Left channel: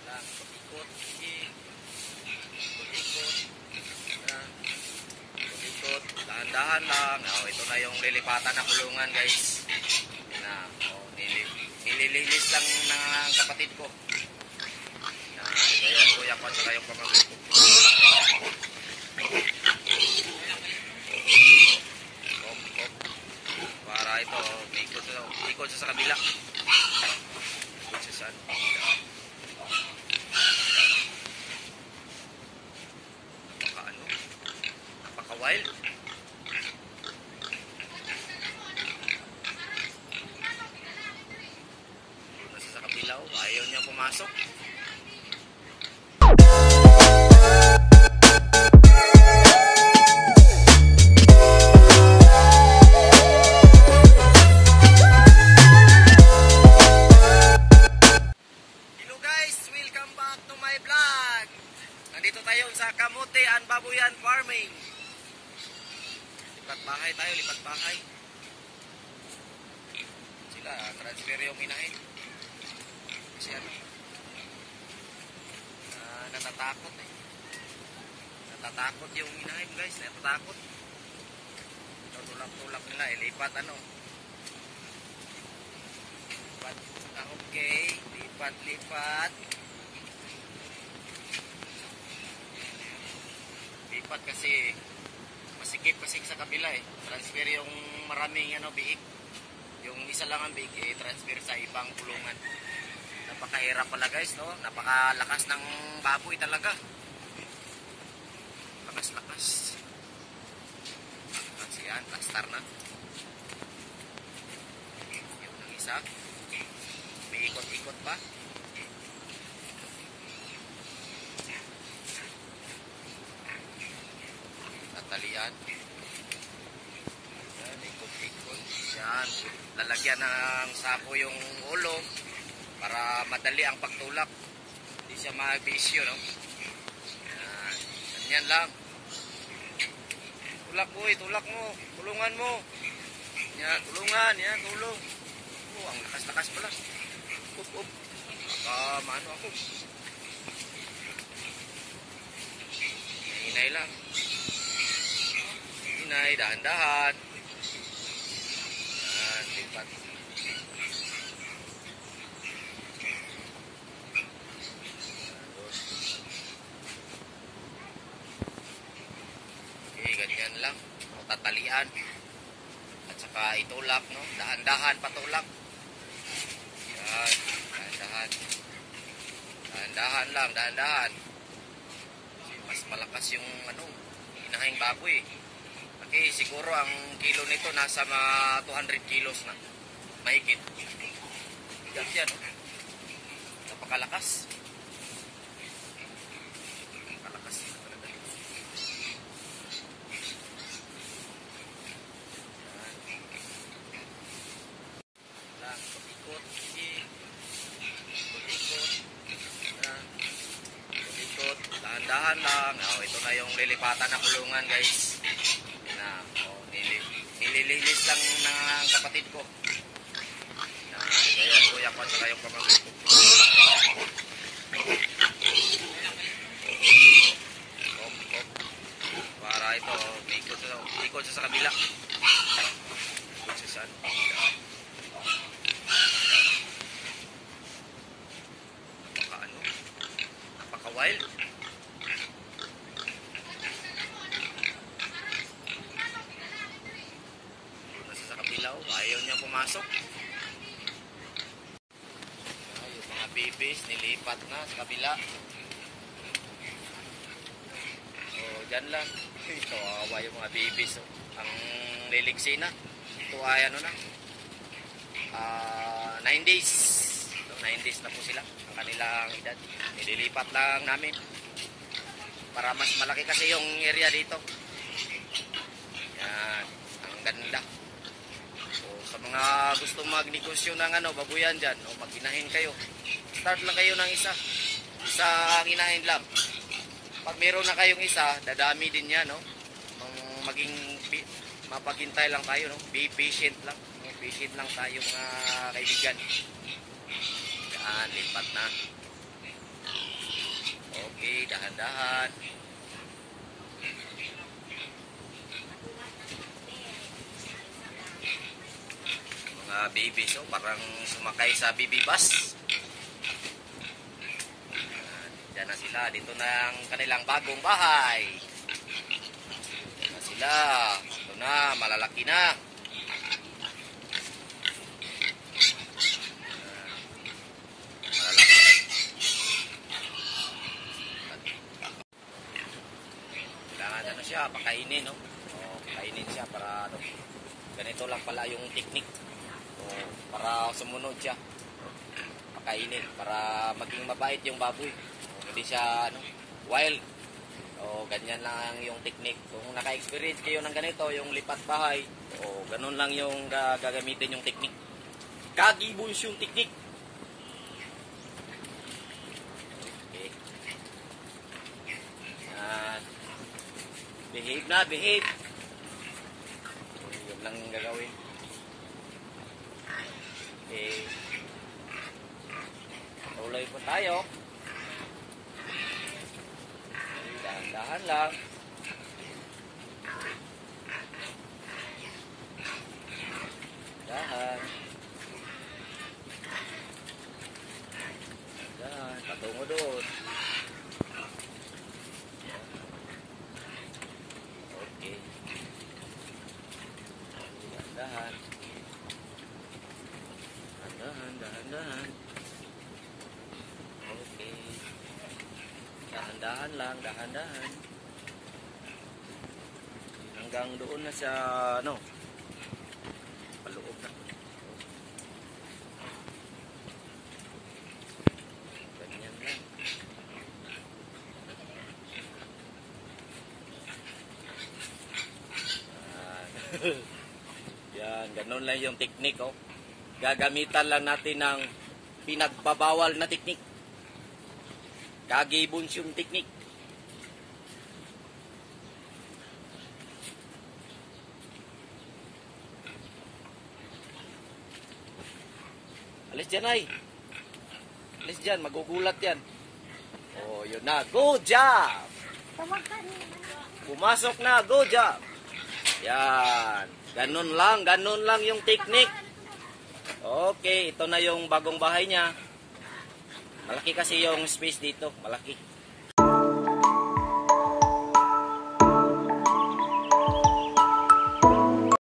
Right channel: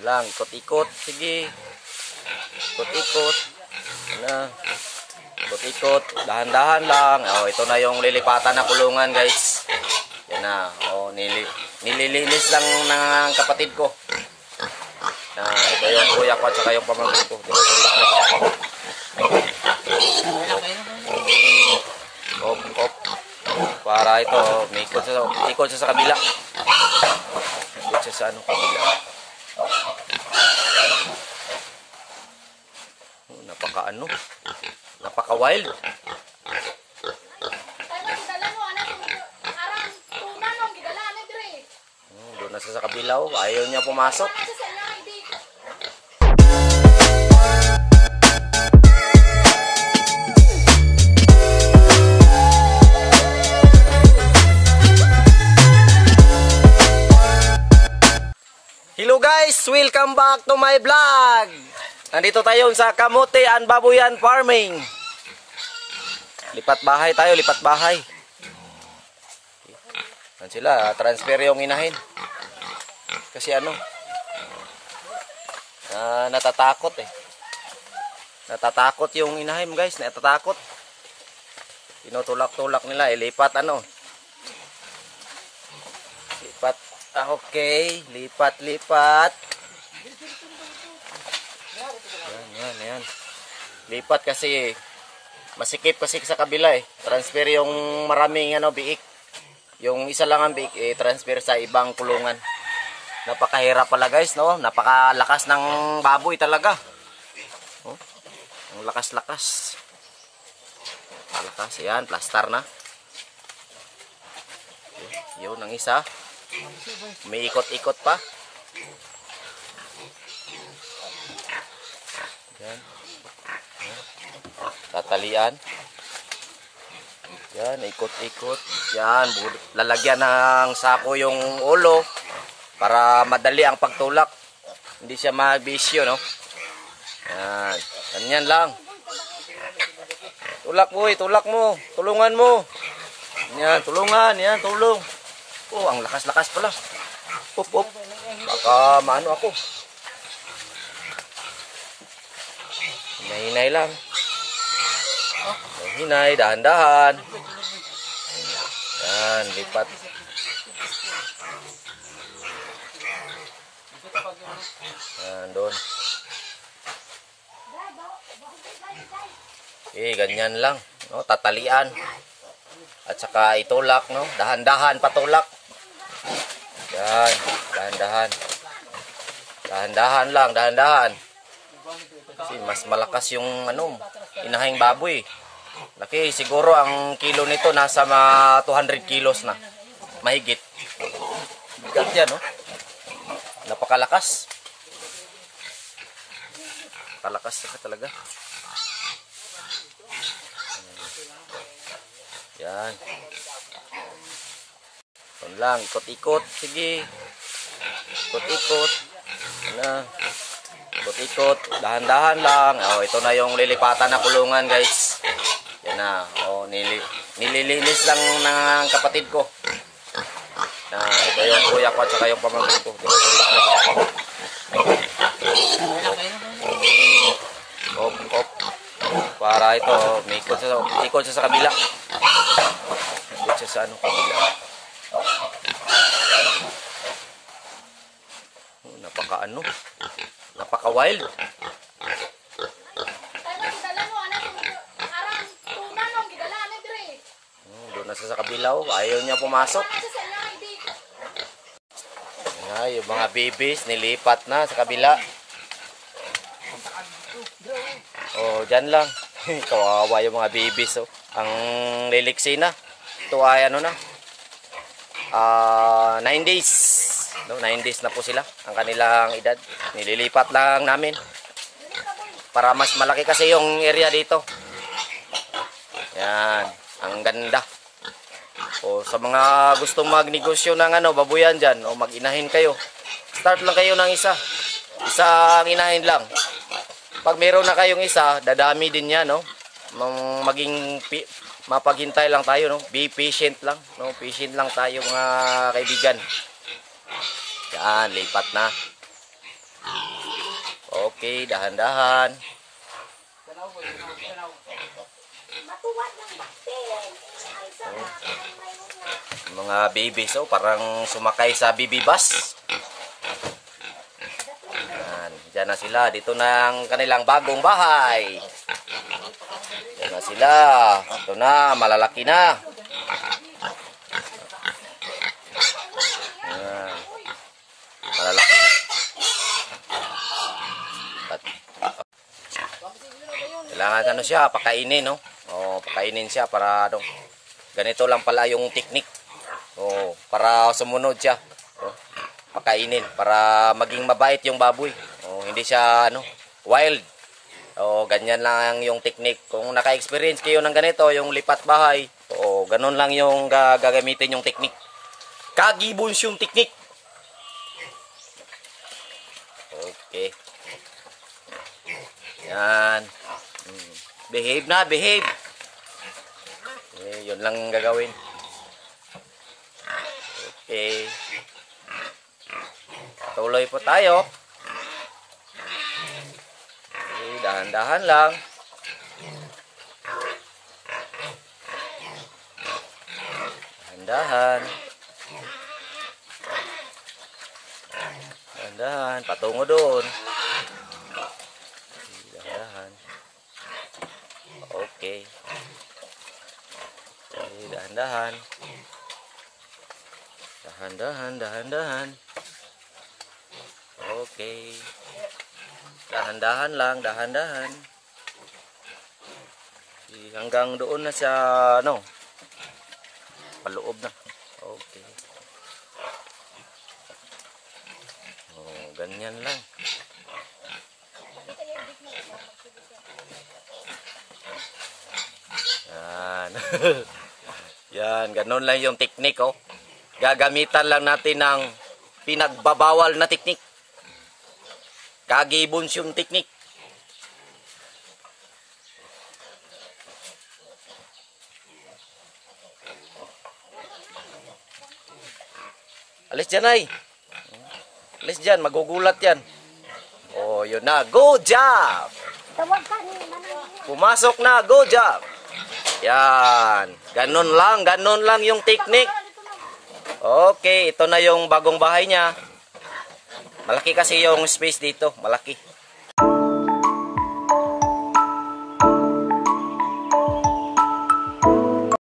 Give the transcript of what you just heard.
Yan lang, ikot-ikot. Sige. Ikot-ikot. Na. Ikot-ikot. Dahan-dahan lang. Oh, ito na yung lilipatan na kulungan, guys. Yan na. Oh, nililinis lang ng kapatid ko. Ito yung kuya ko at saka yung pamangkin ko. Op. Para ito, may ikot siya sa kabila. Ikot siya sa kabila. Napaka wild. Doon na siya sa kabila, ayaw niya pumasok. Hello guys, welcome back to my vlog. Nandito tayo sa Kamote and Babuyan Farming. Lipat bahay tayo, lipat bahay. Yan sila, transfer yung inahin. Kasi natatakot eh. Natatakot yung inahin guys, natatakot. Tinutulak-tulak nila, lipat lipat. Okay, lipat. Yan. Lipat kasi masikip kasi sa kabila eh. Transfer yung maraming biik. Yung isa lang ang biik transfer sa ibang kulungan. Napakahirap pala guys, no? Napakalakas ng baboy talaga. Oh, ang lakas. Malakas yan, plaster na. Yun ang isa. May ikot-ikot pa. Yan. Tatalian. Yan, ikot-ikot. Yan, lalagyan ng sako yung ulo para madali ang pagtulak. Hindi siya magbisyo, no? Yan, ganyan lang. Tulak mo. Tulungan mo. Yan, tulungan. Yan, tulong. Oh, ang lakas-lakas pala. Op. Baka maano ako. Hinay lang. Hinay, dahan-dahan. Yan, lipat. Yan, doon. Okay, ganyan lang. No? Tatalian. At saka itulak, no? Dahan-dahan patulak. Yan, dahan-dahan. Dahan-dahan. Kasi mas malakas yung inahing baboy. Laki, siguro ang kilo nito nasa 200 kilos na. Mahigit. Bigat yan, no? Napakalakas. Napakalakas talaga. Yan. Ito lang, ikot-ikot. Sige. Ikot-ikot. Ikot-ikot. Dahan-dahan lang. Oh, ito na yung lilipatan na kulungan, guys. Yan na. Oh, nililinis lang ng kapatid ko. Ito yung kuya ko at saka yung pamangkin ko. Op. Para ito, may ikot siya sa kabila. Ikot siya sa kabila. Napaka wild. Doon na siya sa kabila, ayaw niya pumasok. Yung mga babies nilipat na sa kabila. Oh, dyan lang. Kawawa yung mga babies, ang liliksi na. Ito ay 9 days. 9 days na po sila ang kanilang edad. Nililipat lang namin para mas malaki kasi yung area dito. Yan, ang ganda. O sa mga gustong magnegosyo ng babuyan dyan, o mag-inahin kayo, start lang kayo ng isang inahin lang. Pag meron na kayong isa, dadami din yan, no? Mapaghintay lang tayo, no? Be patient lang, no? Patient lang tayo mga kaibigan. Yan, lipat na. Okay, dahan-dahan. Mga babies, oh, parang sumakay sa baby bus. Yan, dyan na sila. Dito na ang kanilang bagong bahay. Dyan na sila. Ito na, malalaki na. Yan, malalaki. Kailangan ano siya, pakainin, no? O, pakainin siya para ano. Ganito lang pala yung technique. O, para sumunod siya. O, pakainin para maging mabait yung baboy. O, hindi siya ano, wild. O, ganyan lang yung technique. Kung naka-experience kayo ng ganito, yung lipat bahay, o ganun lang yung gagamitin yung technique. Kagibons yung technique. Okay. Yan. Behave na, behave. Yun lang gagawin. Okay. Tuloy po tayo. Okay, dahan-dahan lang. Dahan-dahan. Dahan-dahan. Patungo doon. Dahan-dahan. Okay. Dahan-dahan. Dahan-dahan, dahan-dahan. Okay. Dahan-dahan lang, dahan-dahan. Hanggang doon na sa ano, paloob na. Okay. Oh, ganyan lang. Yan. Yan, ganun lang yung technique, oh. Gagamitan lang natin ng pinagbabawal na technique. Kagibons yung technique. Alis dyan, ay. Alis dyan, magugulat yan. Oh, yun na. Go job! Pumasok na, go job! Yan. Ganun lang yung technique. Okay, ito na yung bagong bahay niya. Malaki kasi yung space dito, malaki.